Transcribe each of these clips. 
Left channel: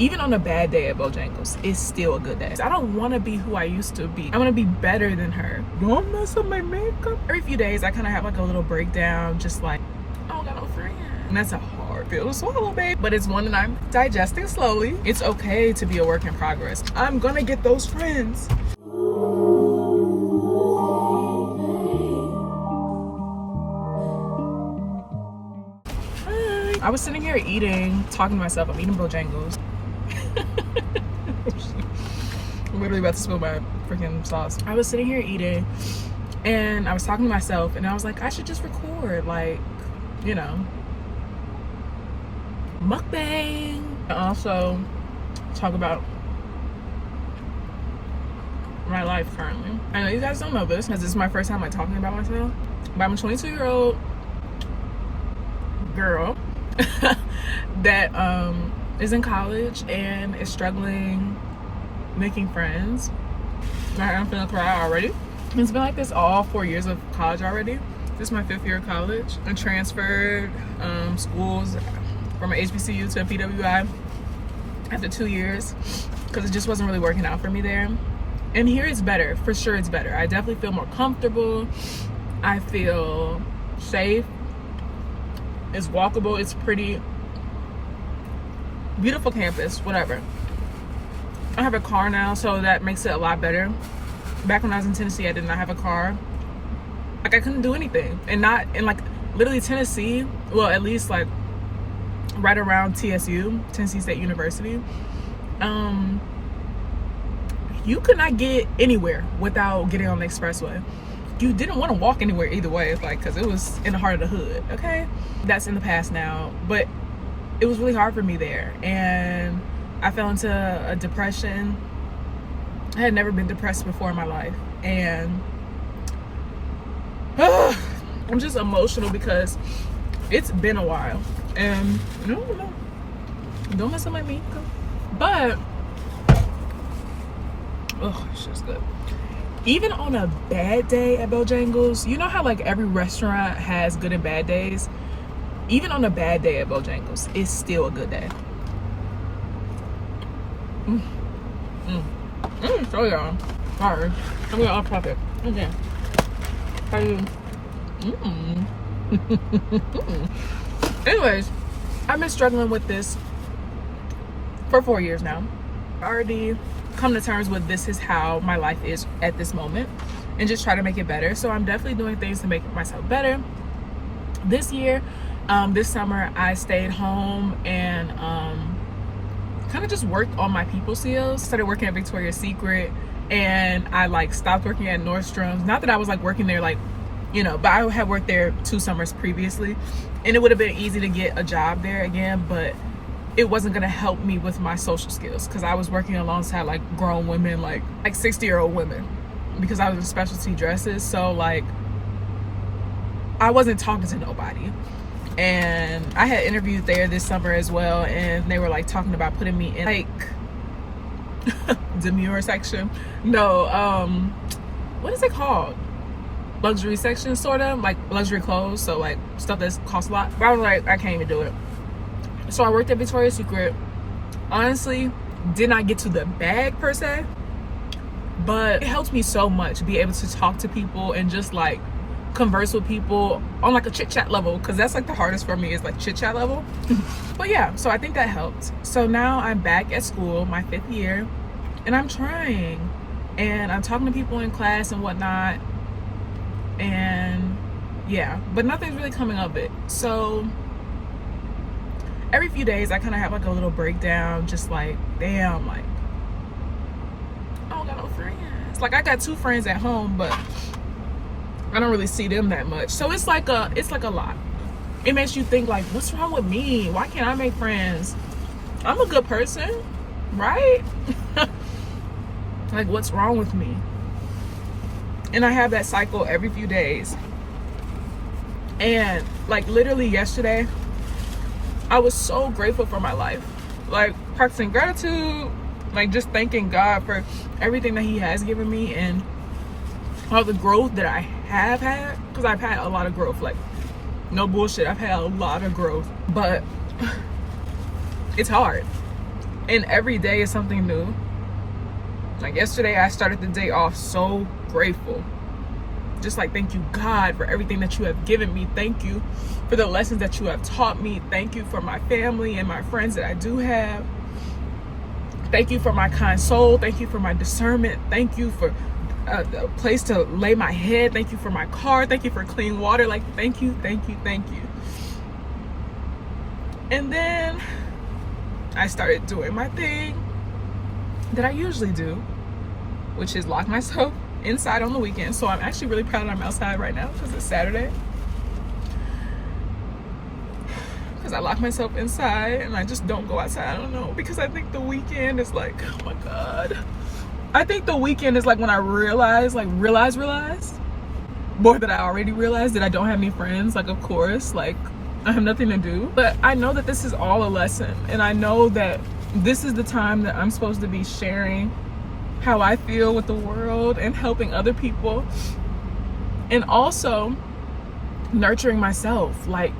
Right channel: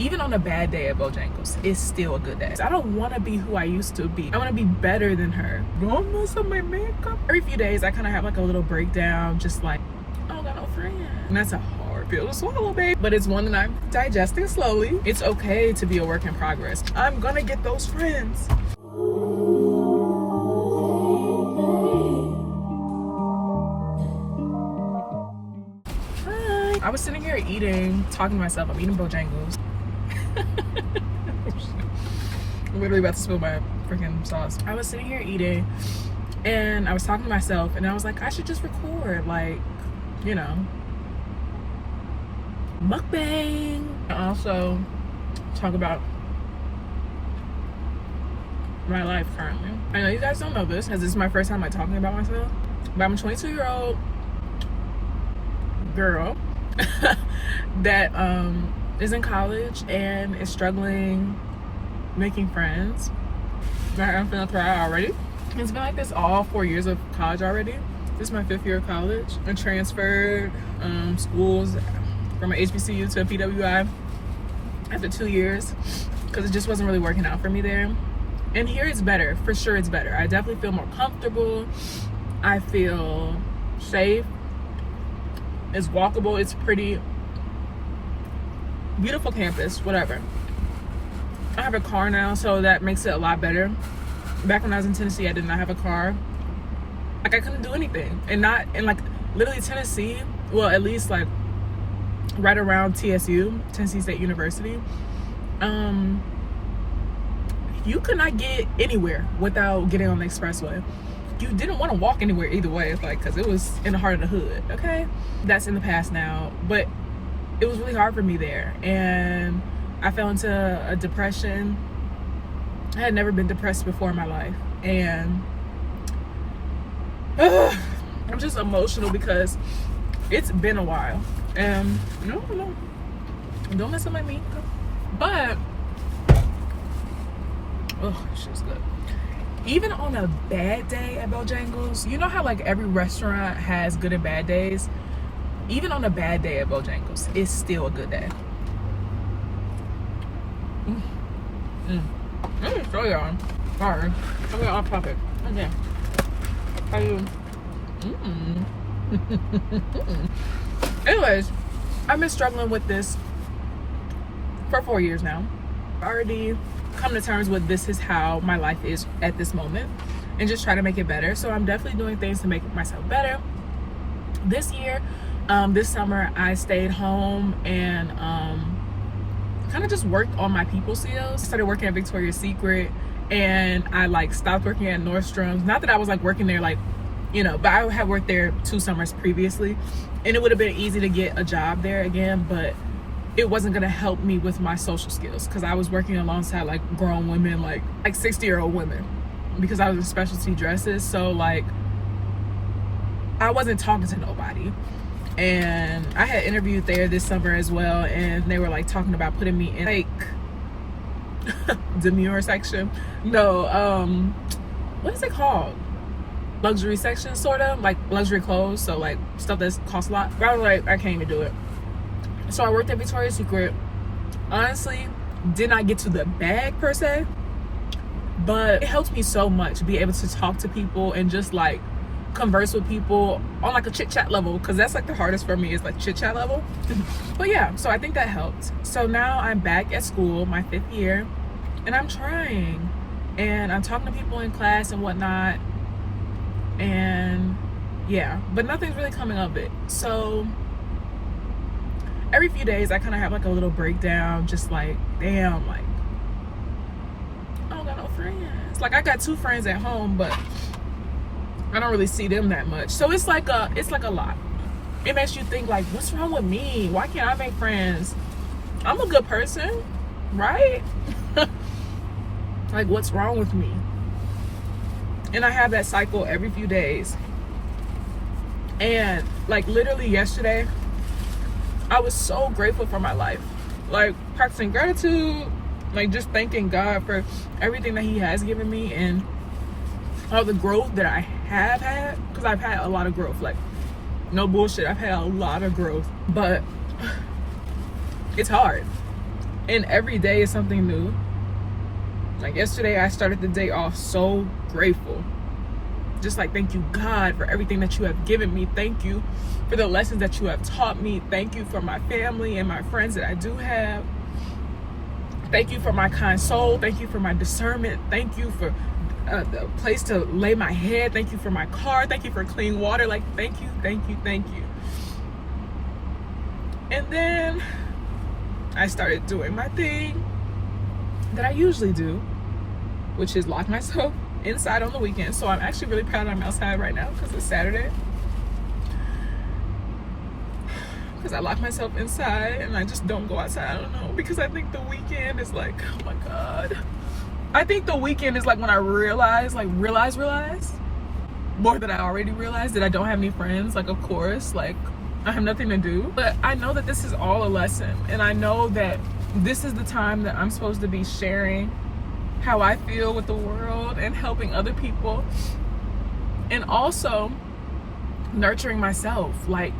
Even on a bad day at Bojangles, it's still a good day. I don't want to be who I used to be. I want to be better than her. Don't mess up my makeup. Every few days, I kind of have like a little breakdown, just like, I don't got no friends. And that's a hard pill to swallow, babe. But it's one that I'm digesting slowly. It's okay to be a work in progress. I'm gonna get those friends. Hi. I was sitting here eating, talking to myself. I'm eating Bojangles. I'm literally about to spill my freaking sauce. I was sitting here eating and I was talking to myself and I was like, I should just record, like, you know, mukbang. Also talk about my life currently. I know you guys don't know this because this is my first time like talking about myself, but I'm a 22-year-old girl that is in college and is struggling making friends. I'm finna cry already. It's been like this all 4 years of college already. This is my 5th year of college. I transferred schools from an HBCU to a PWI after 2 years because it just wasn't really working out for me there. And here it's better, for sure it's better. I definitely feel more comfortable. I feel safe. It's walkable, it's pretty. Beautiful campus, whatever. I have a car now, so that makes it a lot better. Back when I was in Tennessee, I did not have a car. Like, I couldn't do anything. And not in like literally Tennessee, well, at least like right around TSU, Tennessee State University, you could not get anywhere without getting on the expressway. You didn't want to walk anywhere either way, like, because it was in the heart of the hood. Okay, that's in the past now, but it was really hard for me there, and I fell into a depression. I had never been depressed before in my life, and I'm just emotional because it's been a while. And no, don't mess with my makeup. But oh, shit's good. Even on a bad day at Bojangles, you know how like every restaurant has good and bad days? Even on a bad day at Bojangles, it's still a good day. Show y'all. Sorry. I'm going off topic. Okay. How you? Anyways, I've been struggling with this for 4 years now. I already come to terms with this is how my life is at this moment and just try to make it better. So I'm definitely doing things to make myself better. This year, this summer, I stayed home and kind of just worked on my people skills. Started working at Victoria's Secret, and I like stopped working at Nordstrom's. Not that I was like working there like, you know, but I had worked there 2 summers previously, and it would have been easy to get a job there again, but it wasn't gonna help me with my social skills because I was working alongside like grown women, like 60-year-old women, because I was in specialty dresses. So like I wasn't talking to nobody. And I had interviewed there this summer as well, and they were like talking about putting me in like demure section. No, what is it called? Luxury section, sort of like luxury clothes, so like stuff that costs a lot. But I was like, I can't even do it. So I worked at Victoria's Secret. Honestly, did not get to the bag per se, but it helped me so much be able to talk to people and just like converse with people on like a chit chat level, because that's like the hardest for me, is like chit chat level. But yeah, so I think that helped. So now I'm back at school, my 5th year, and I'm trying, and I'm talking to people in class and whatnot, and yeah, but nothing's really coming of it. So every few days I kind of have like a little breakdown, just like, damn, like I don't got no friends. Like I got 2 friends at home, but I don't really see them that much. So it's like a lot. It makes you think like, what's wrong with me? Why can't I make friends? I'm a good person, right? Like, what's wrong with me? And I have that cycle every few days. And like literally yesterday, I was so grateful for my life. Like practicing gratitude, like just thanking God for everything that he has given me and all the growth that I have had, because I've had a lot of growth, like no bullshit, I've had a lot of growth, but it's hard. And every day is something new. Like yesterday, I started the day off so grateful. Just like, thank you, God, for everything that you have given me. Thank you for the lessons that you have taught me. Thank you for my family and my friends that I do have. Thank you for my kind soul. Thank you for my discernment. Thank you for a place to lay my head. Thank you for my car. Thank you for clean water. Like, thank you, thank you, thank you. And then I started doing my thing that I usually do, which is lock myself inside on the weekend. So I'm actually really proud that I'm outside right now because it's Saturday. Because I lock myself inside and I just don't go outside. I don't know, because I think the weekend is like, oh my God. I think the weekend is like when I realize more than I already realized, that I don't have any friends. Like, of course, like I have nothing to do. But I know that this is all a lesson. And I know that this is the time that I'm supposed to be sharing how I feel with the world and helping other people. And also nurturing myself. Like,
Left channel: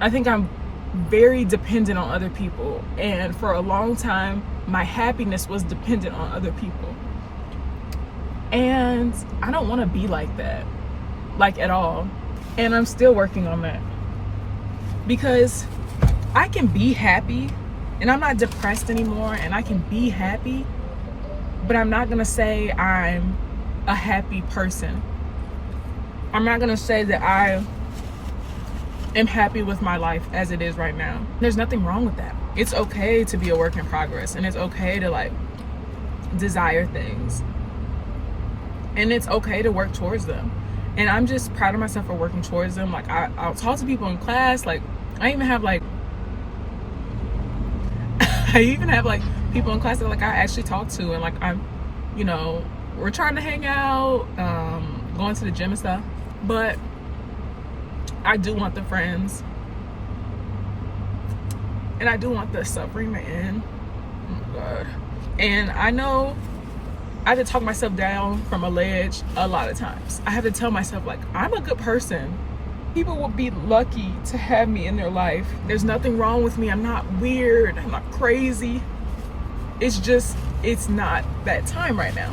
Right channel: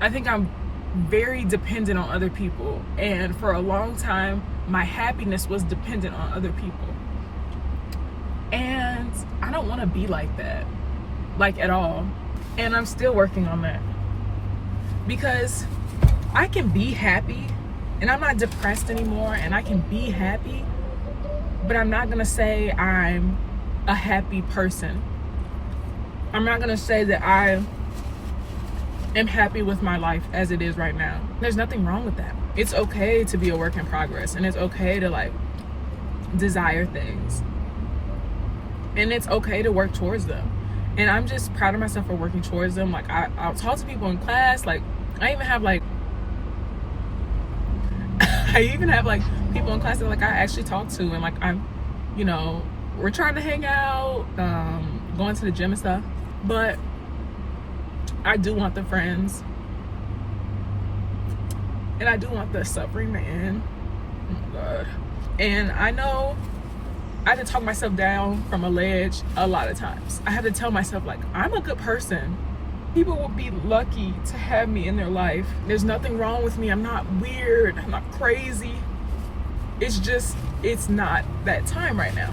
I think I'm very dependent on other people. And for a long time, my happiness was dependent on other people. And I don't want to be like that, like at all. And I'm still working on that. Because I can be happy and I'm not depressed anymore, and I can be happy, but I'm not going to say I'm a happy person. I'm not going to say that I am happy with my life as it is right now. There's nothing wrong with that. It's okay to be a work in progress, and it's okay to like desire things, and it's okay to work towards them. And I'm just proud of myself for working towards them. Like I'll talk to people in class. Like I even have like people in class that like I actually talk to, and like I'm, you know, we're trying to hang out, going to the gym and stuff. But I do want the friends, and I do want the suffering to end. Oh my God. And I know I have to talk myself down from a ledge a lot of times. I have to tell myself, like, I'm a good person. People would be lucky to have me in their life. There's nothing wrong with me. I'm not weird. I'm not crazy. It's just, it's not that time right now.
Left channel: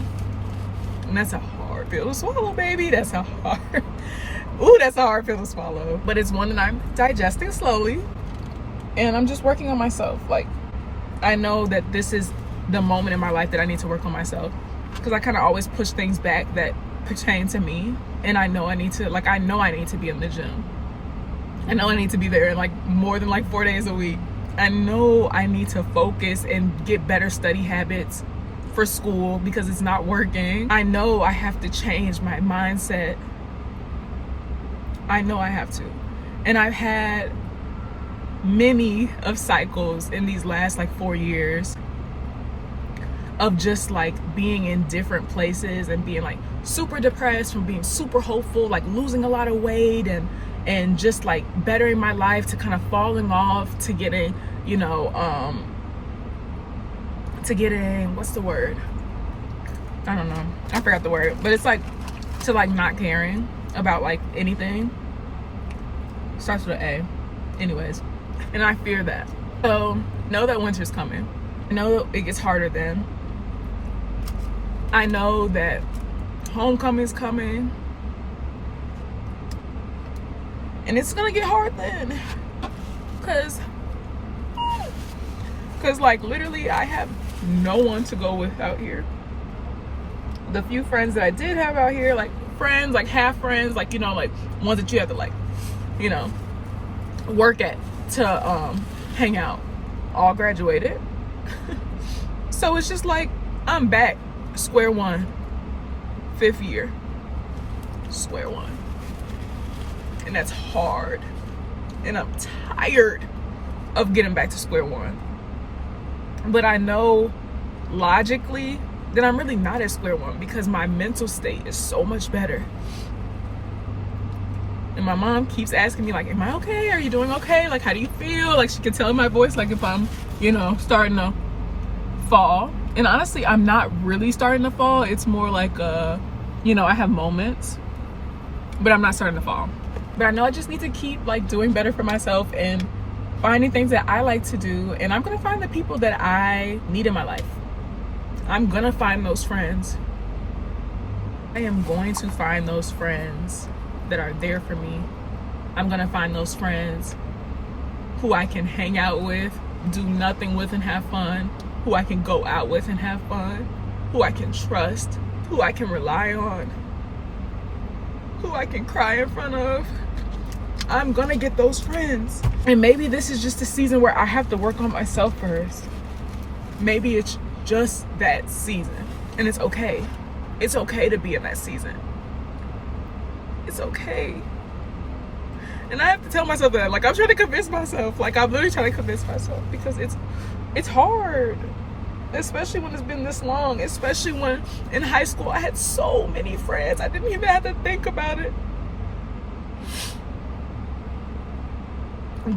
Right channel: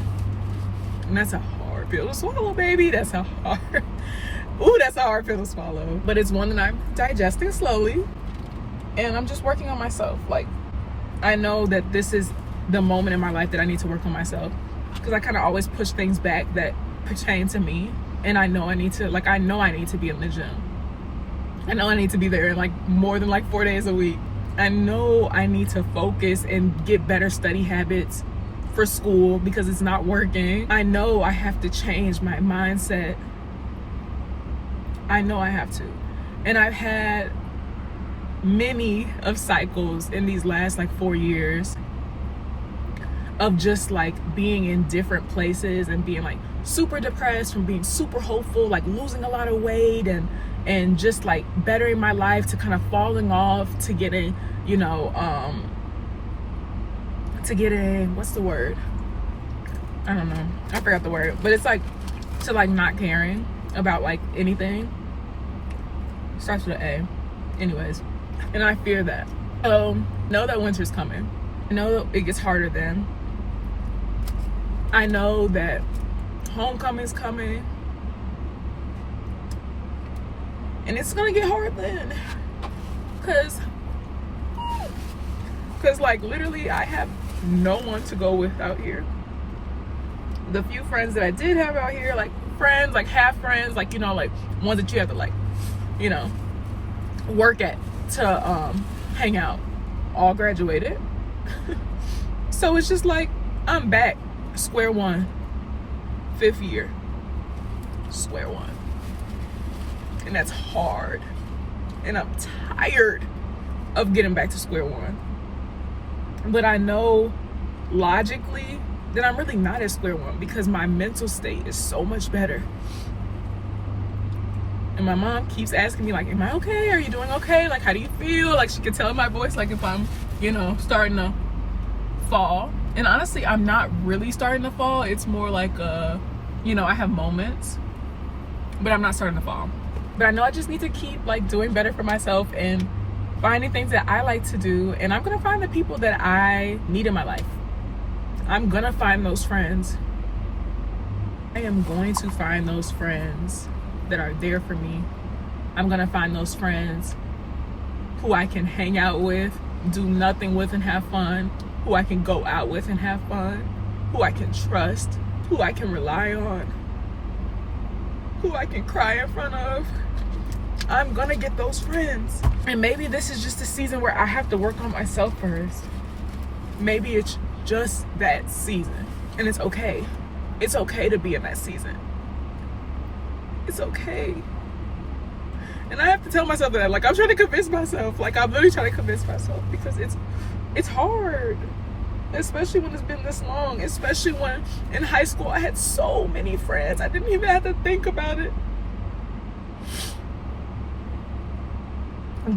And that's a hard pill to swallow, baby. That's a hard, that's a hard pill to swallow. But it's one that I'm digesting slowly. And I'm just working on myself. Like, I know that this is the moment in my life that I need to work on myself. Because I kind of always push things back that pertain to me. And I know I need to, like, I know I need to be in the gym. I know I need to be there like more than like 4 days a week. I know I need to focus and get better study habits for school because it's not working. I know I have to change my mindset. I know I have to. And I've had many of cycles in these last like 4 years of just like being in different places and being like super depressed from being super hopeful, like losing a lot of weight and just like bettering my life to kind of falling off to getting, you know, to getting, what's the word? I don't know. I forgot the word, but it's like to like not caring about like anything. Starts with an A. Anyways, and I fear that. So know that winter's coming. Know it gets harder then. I know that homecoming's coming. And it's gonna get hard then. Cause like literally I have no one to go with out here. The few friends that I did have out here, like friends, like half friends, like, you know, like ones that you have to like, you know, work at to hang out, all graduated. So it's just like I'm back square one, 5th year, square one. And that's hard. And I'm tired of getting back to square one. But I know logically that I'm really not at square one because my mental state is so much better. And my mom keeps asking me like, am I okay? Are you doing okay? Like, how do you feel? Like, she can tell in my voice, like if I'm, you know, starting to fall. And honestly, I'm not really starting to fall. It's more like, you know, I have moments, but I'm not starting to fall. But I know I just need to keep like doing better for myself and finding things that I like to do, and I'm gonna find the people that I need in my life. I'm gonna find those friends. I am going to find those friends that are there for me. I'm gonna find those friends who I can hang out with, do nothing with and have fun, who I can go out with and have fun, who I can trust, who I can rely on, who I can cry in front of. I'm gonna get those friends. And maybe this is just a season where I have to work on myself first. Maybe it's just that season, and it's okay. It's okay to be in that season. It's okay. And I have to tell myself that. Like, I'm trying to convince myself. Like, I'm literally trying to convince myself, because it's hard, especially when it's been this long. Especially when in high school I had so many friends, I didn't even have to think about it.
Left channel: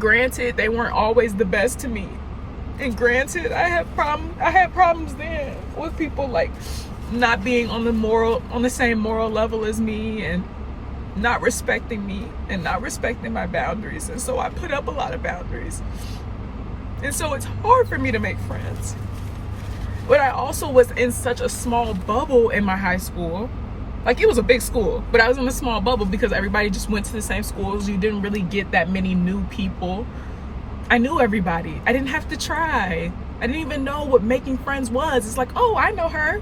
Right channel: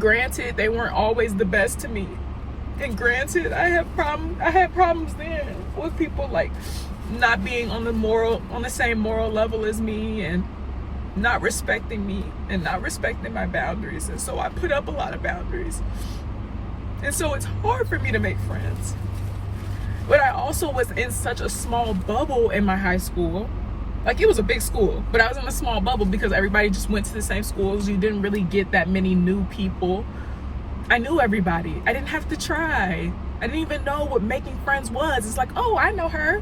Granted, they weren't always the best to me, and granted, I had problems then with people like not being on the same moral level as me, and not respecting me, and not respecting my boundaries. And so I put up a lot of boundaries, and so it's hard for me to make friends. But I also was in such a small bubble in my high school. Like, it was a big school, but I was in a small bubble because everybody just went to the same schools. You didn't really get that many new people. I knew everybody. I didn't have to try. I didn't even know what making friends was. It's like, oh, I know her.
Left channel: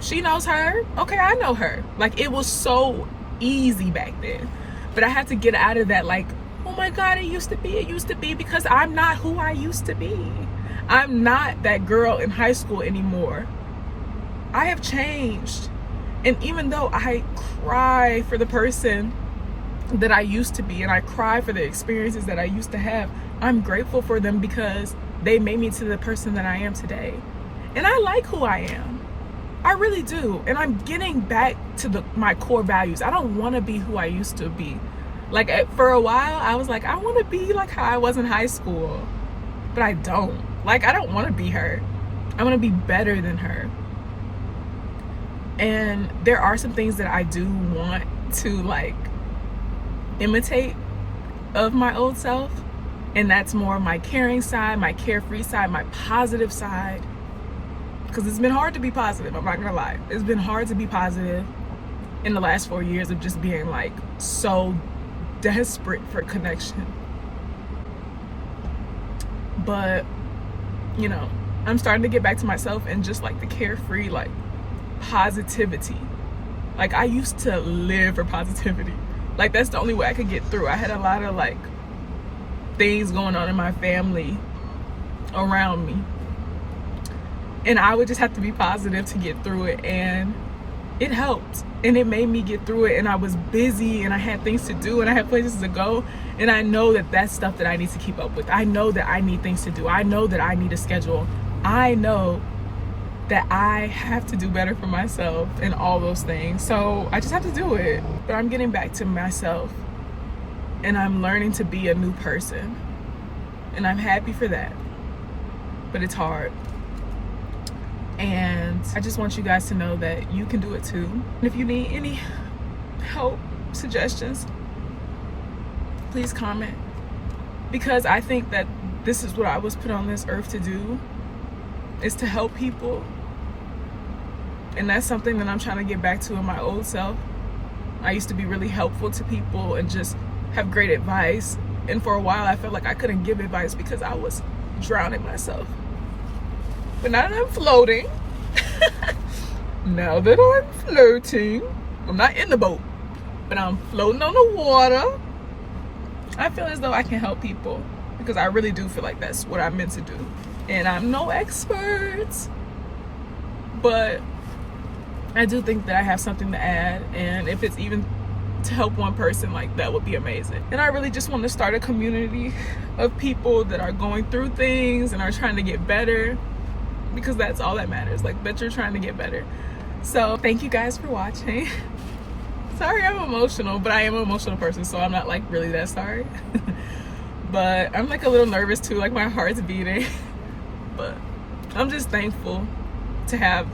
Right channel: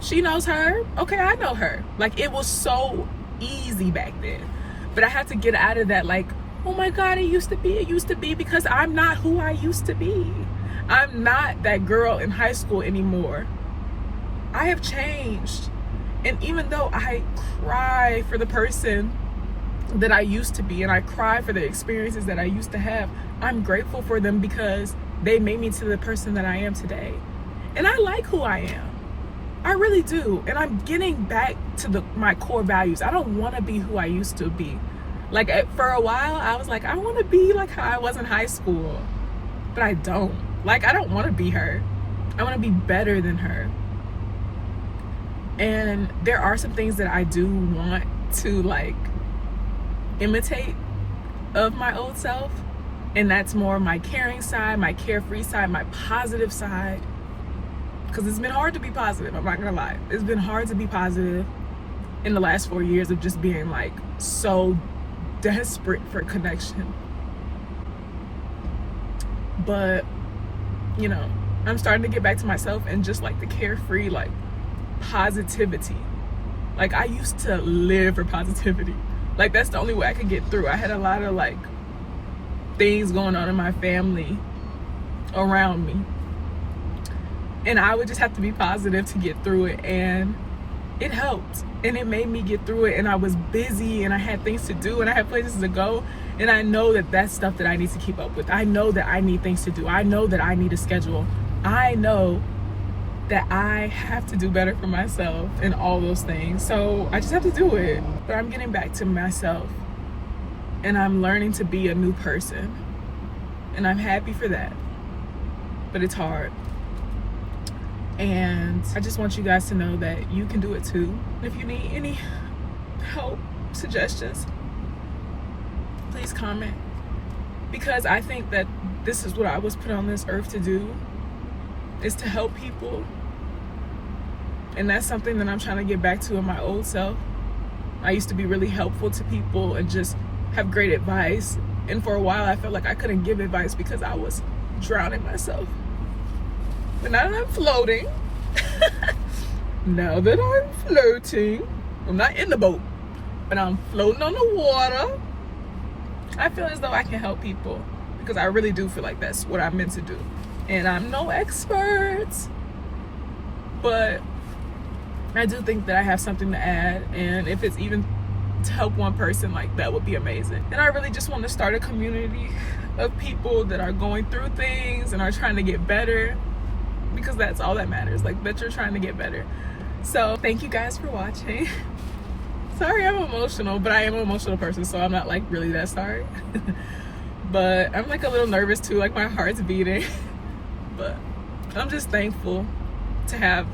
She knows her. Okay, I know her. Like, it was so easy back then. But I had to get out of that, like, oh my God, it used to be, because I'm not who I used to be. I'm not that girl in high school anymore. I have changed. And even though I cry for the person that I used to be, and I cry for the experiences that I used to have, I'm grateful for them because they made me to the person that I am today. And I like who I am. I really do. And I'm getting back to my core values. I don't want to be who I used to be. Like, for a while, I was like, I want to be like how I was in high school. But I don't. Like, I don't want to be her. I want to be better than her. And there are some things that I do want to, like, imitate of my old self. And that's more my caring side, my carefree side, my positive side. Because it's been hard to be positive, I'm not gonna lie. It's been hard to be positive in the last 4 years of just being, like, so desperate for connection. But, you know, I'm starting to get back to myself and just, like, the carefree, like, positivity. Like, I used to live for positivity. Like, that's the only way I could get through. I had a lot of, like, things going on in my family around me, and I would just have to be positive to get through it, and it helped, and it made me get through it. And I was busy, and I had things to do, and I had places to go, and I know that that's stuff that I need to keep up with. I know that I need things to do. I know that I need a schedule. I know that I have to do better for myself and all those things. So I just have to do it. But I'm getting back to myself, and I'm learning to be a new person, and I'm happy for that. But it's hard. And I just want you guys to know that you can do it too. And if you need any help, suggestions, please comment. Because I think that this is what I was put on this earth to do, is to help people. And that's something that I'm trying to get back to in my old self. I used to be really helpful to people and just have great advice. And for a while I felt like I couldn't give advice because I was drowning myself. But now that I'm floating, I'm not in the boat, but I'm floating on the water. I feel as though I can help people, because I really do feel like that's what I'm meant to do. And I'm no expert, but I do think that I have something to add. And if it's even to help one person, like, that would be amazing. And I really just want to start a community of people that are going through things and are trying to get better, because that's all that matters, like, that you're trying to get better. So thank you guys for watching. Sorry I'm emotional, but I am an emotional person, so I'm not, like, really that sorry. But I'm, like, a little nervous too, like, my heart's beating. But I'm just thankful to have,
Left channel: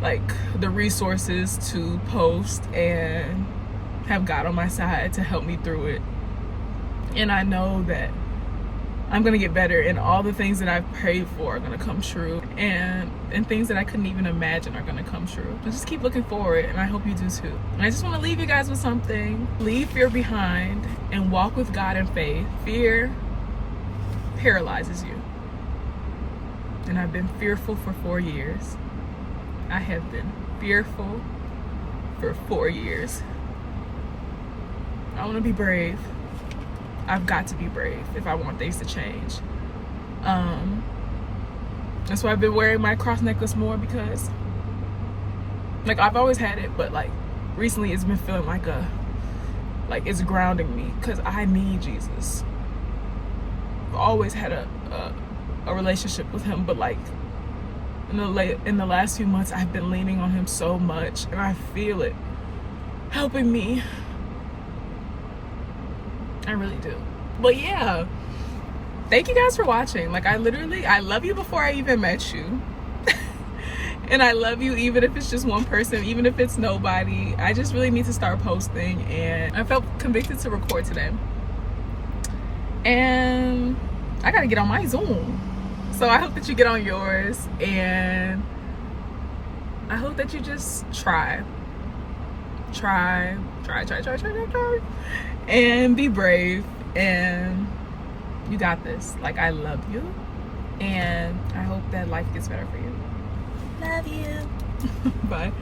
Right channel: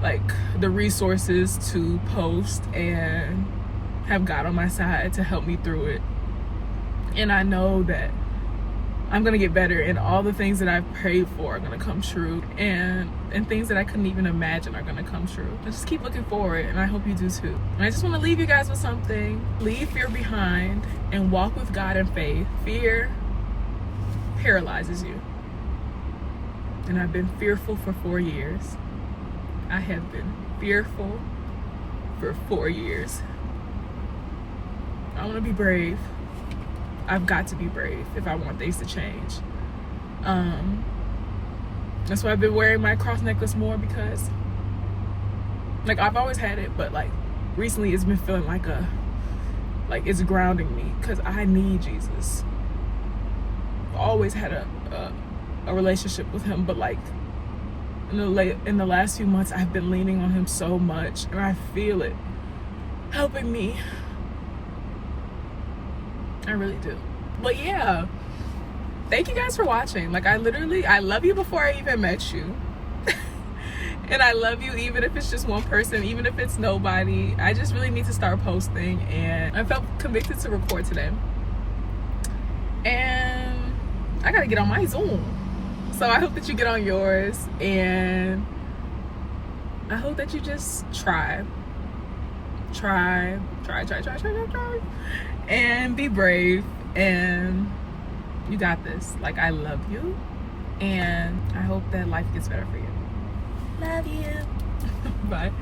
like, the resources to post and have God on my side to help me through it. And I know that I'm gonna get better, and all the things that I've prayed for are gonna come true, and things that I couldn't even imagine are gonna come true. I just keep looking forward, and I hope you do too. And I just want to leave you guys with something. Leave fear behind and walk with God in faith. Fear paralyzes you, and I've been fearful for 4 years. I have been fearful for 4 years. I want to be brave. I've got to be brave if I want things to change. That's why I've been wearing my cross necklace more, because like I've always had it, but like recently it's been feeling like it's grounding me, because I need Jesus. I've always had a relationship with him, but like in the last few months I've been leaning on him so much, and I feel it helping me. I really do. But yeah, thank you guys for watching. Like I love you before I even met you. And I love you even if it's just one person, even if it's nobody. I just really need to start posting, and I felt convicted to record today. And I gotta get on my Zoom. So I hope that you get on yours, and I hope that you just try, and be brave, and you got this. Like I love you, and I hope that life gets better for you. Love you. Bye.